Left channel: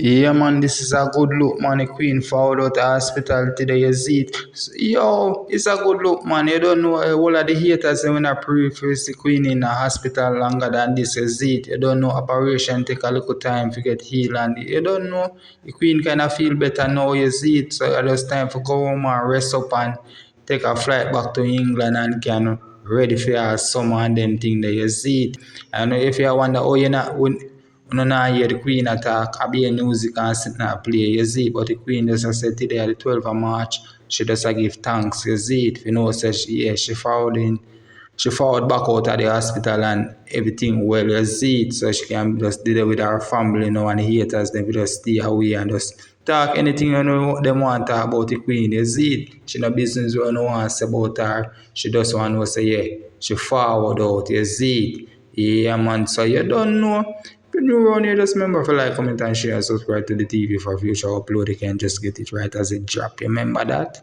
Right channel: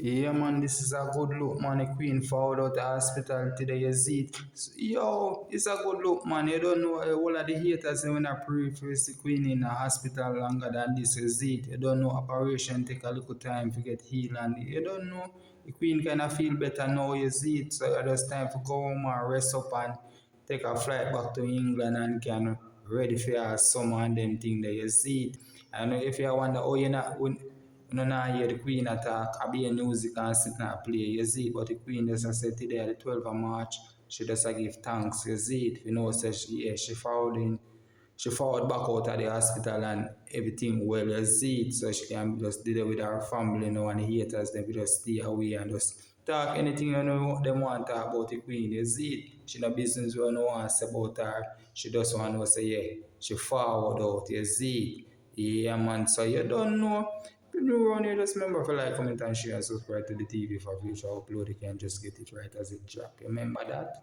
Yeah, man, this is a good look, man. The Queen forward out the hospital today, you see it. Yo, it's a good look, man. You don't know all of the haters when I pray for the Queen in the hospital longer than this, you see it. You don't know operation take a little time to get healed, and you don't know the Queen kind of feel better now, you see it. So it's time for go home and rest up and take a flight back to England and can ready for your summer and then thing that you see it. And if you wonder, oh, you not when not hear the Queen attack, I be a music and sit and play, you see. But the Queen just said today, the 12th of March, she just give thanks, you see it. You know, say she forward back out of the hospital and everything well, you see it. So she can just deal with her family, you know, and the haters, them just stay away and just talk anything you know them want to talk about the Queen, you see it. She no business what no want to say about her. She just want to say, yeah, she forward out, you see it. Yeah, man, so you don't know. If you're new around here, just remember to like, comment, and share, and subscribe to the TV for future upload. You can just get it right as it drop. You remember that?